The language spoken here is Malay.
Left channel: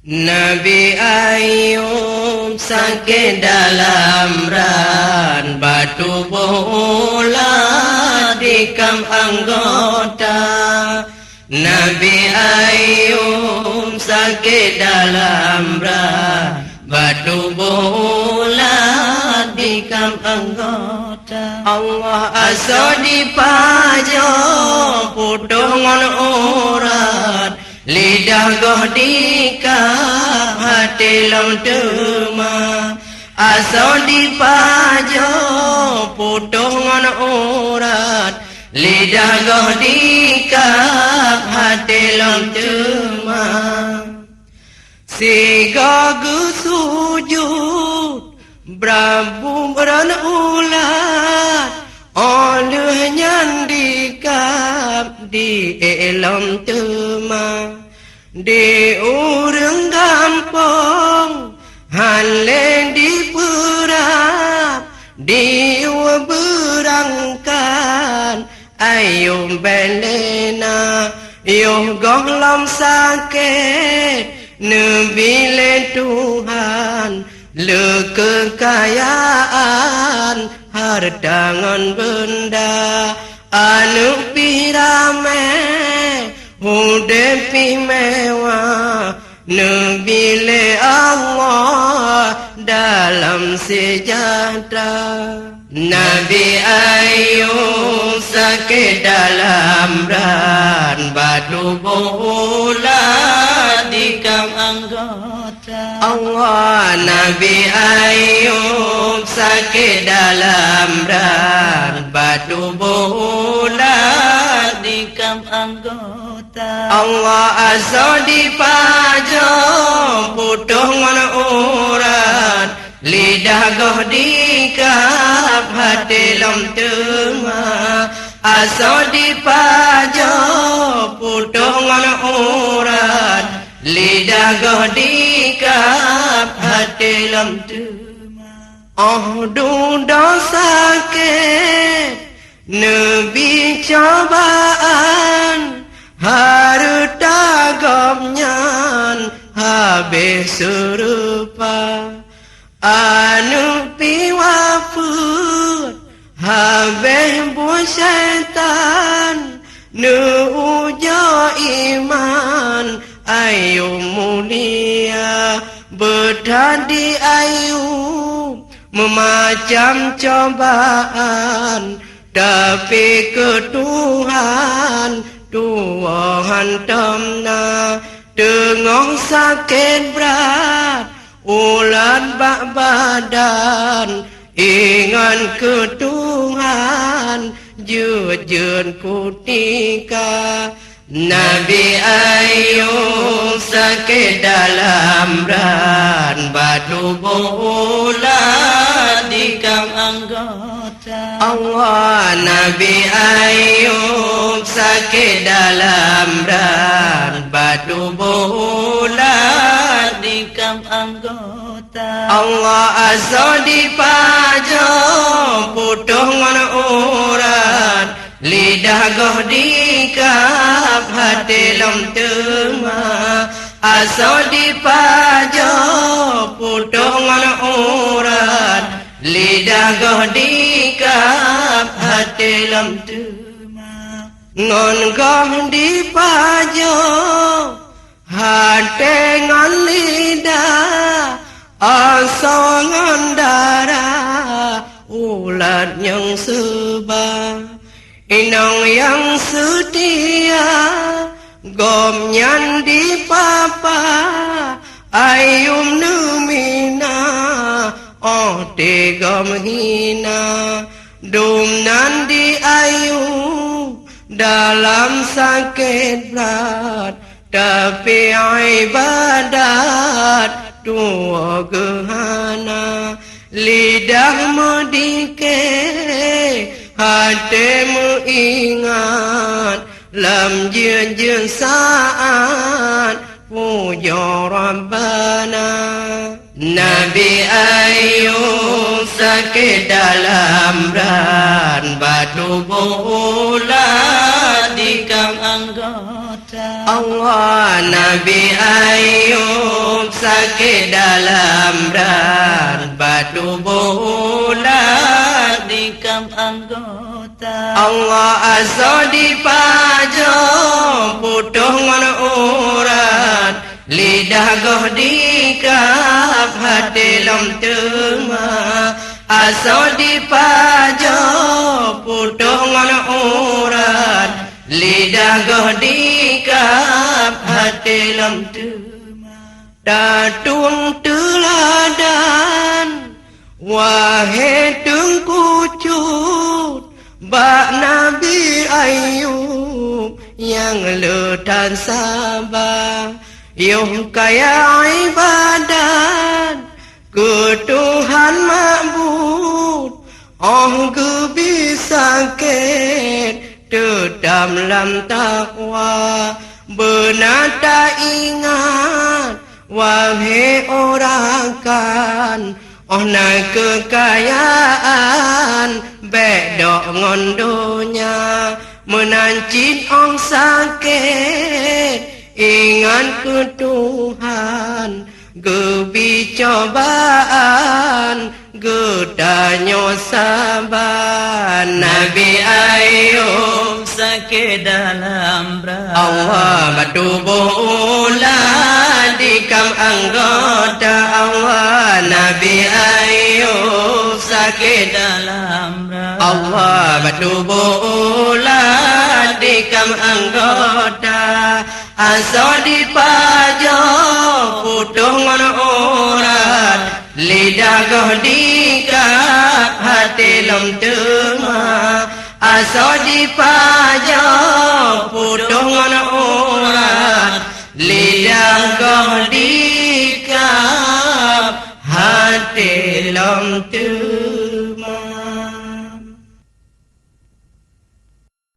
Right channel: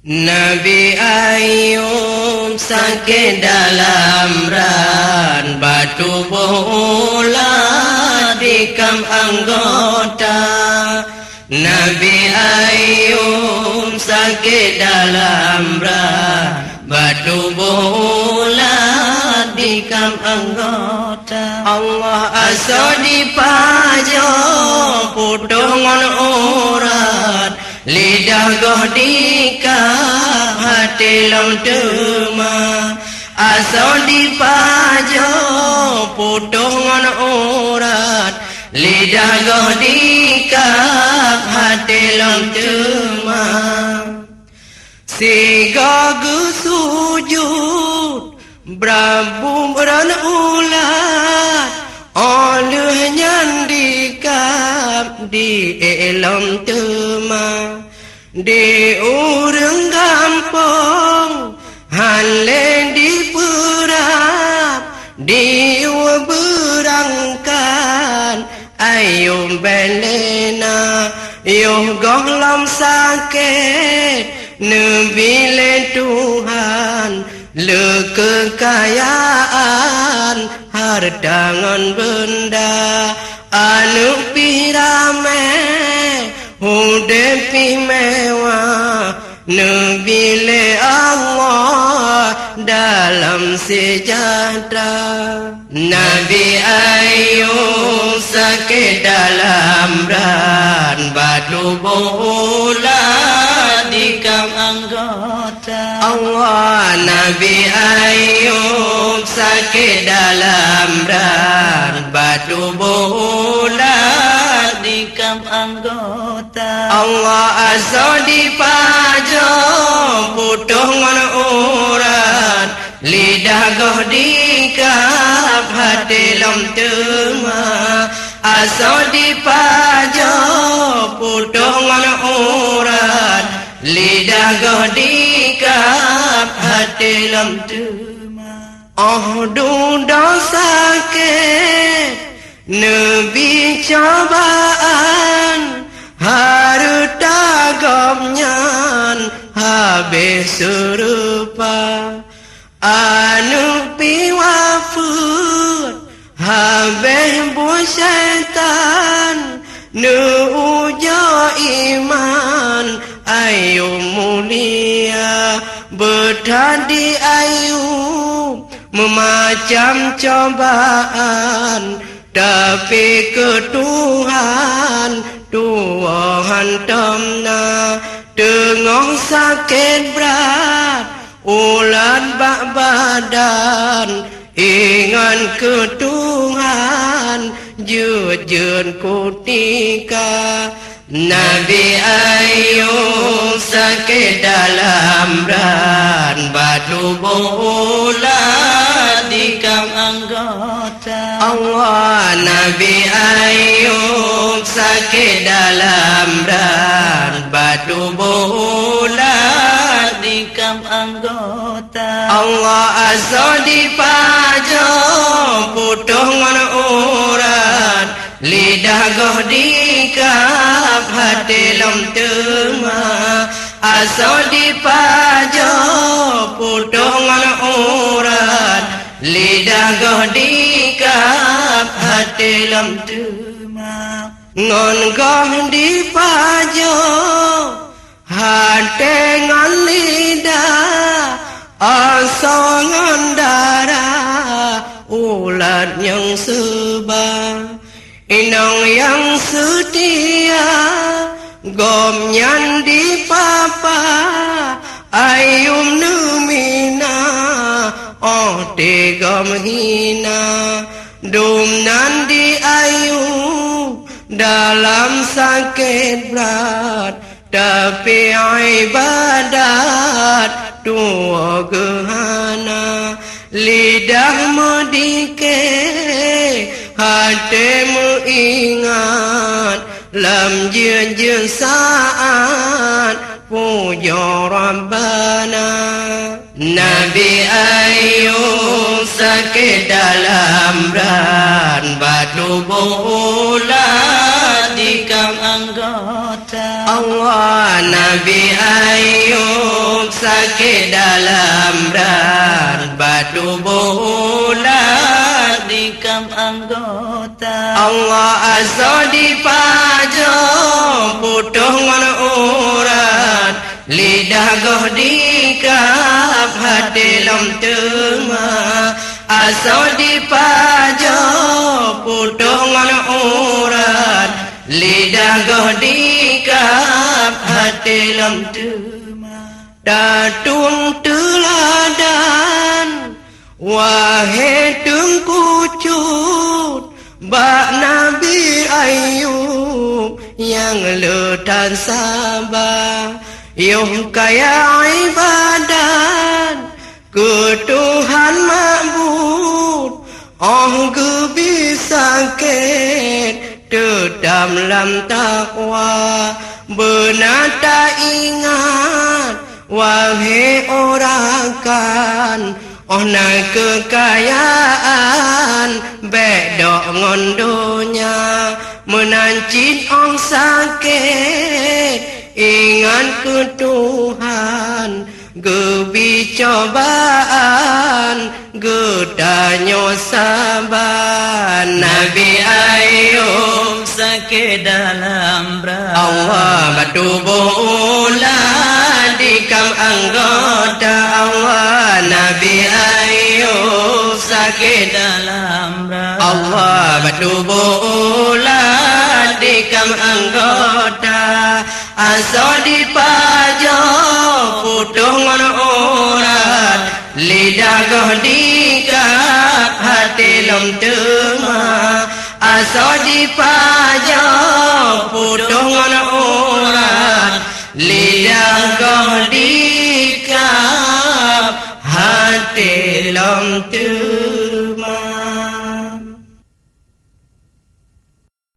Nabi Ayub sakit dalam ran, batu bola tikam anggota. Nabi Ayub sakit dalam ran, batu bola tikam anggota. Allah asa dipajo putungan urat, lidah goh dikah hati lam tema. Asa dipajo putungan urat, lidah goh dikah hati lam tema. Sigagu sujud Prabu berulat, olehnya dikap di elam tema. Di urang gampang hale diperap, di berangkat ayo belena. Yo gonglam sakit nebile Tuhan, le kekayaan hartangan benda anu pirame hudepi mewah, nebile Allah dalam sejahtera. Nabi Ayub sakit dalam ran, batu bola tikam anggota. Allah Nabi Ayub sakit dalam ran, batu bola tikam anggota. Allah asa dipajo putungan urat, lidah goh dikap hati lam tema. Asa dipajo putungan urat, lidah goh dikap hati lam tema. Oh dosa sakit nebi cobaan, harta gomnyan habis serupa. Anu piwafut habis bu syaitan, nu ujo iman ayu mulia. Bertadi Ayub memacam cobaan, tapi ke Tuhan Tuhan temna. Tengok sakit berat ulat bak badan, ingat ke Tuhan jujur kutika. Nabi Ayub sakit dalam ran, batu bola tikam anggota. Allah Nabi Ayub sakit dalam ran, batu bola tikam anggota. Allah asa dipajo putungan urat, lidah goh dikap hati lam tema. Asa dipajo putungan urat, lidah goh dikap hati lam tema. Ngon goh dipajo hati ngan lidah, asa ngan darah ulat yang sebab. Inang yang setia gomnyan di papa, ayum numina oh tegam hina. Dumnan di Ayub dalam sakit berat, tapi ibadat tua gehana. Lidah medike hatimu ingat, lam jir-jir saat puja Rabbana. Nabi Ayub sakit dalam ran, batu bola tikam anggota. Allah Nabi Ayub sakit dalam dan batu bulat Dikam anggota Allah azza di pajak putuh mana urat lidah goh dikap hati lam tema azza di pajak putuh mana urat lidah goh dikap hati lam tema datung teladan wahai tengkucut bak Nabi Ayub yang letan sabar yang kaya ibadat ke Tuhan makbud oh ke bisa tetap dalam takwa benar tak ingat wahai orang kan oh naik kekayaan bedok ngondonya menancit ong sakit ingat ke Tuhan gebi cobaan gedanyo sabar Nabi Ayub sakit dalam berat Allah batu bulan dikam anggota Allah Nabi Ayub sakit dalam berat Allah batu bulan dikam anggota asa dipajak putuh ngon urat lidah goh dikap hati lom tengah asa dipajak putuh ngon urat lidah goh dikap hati lom tengah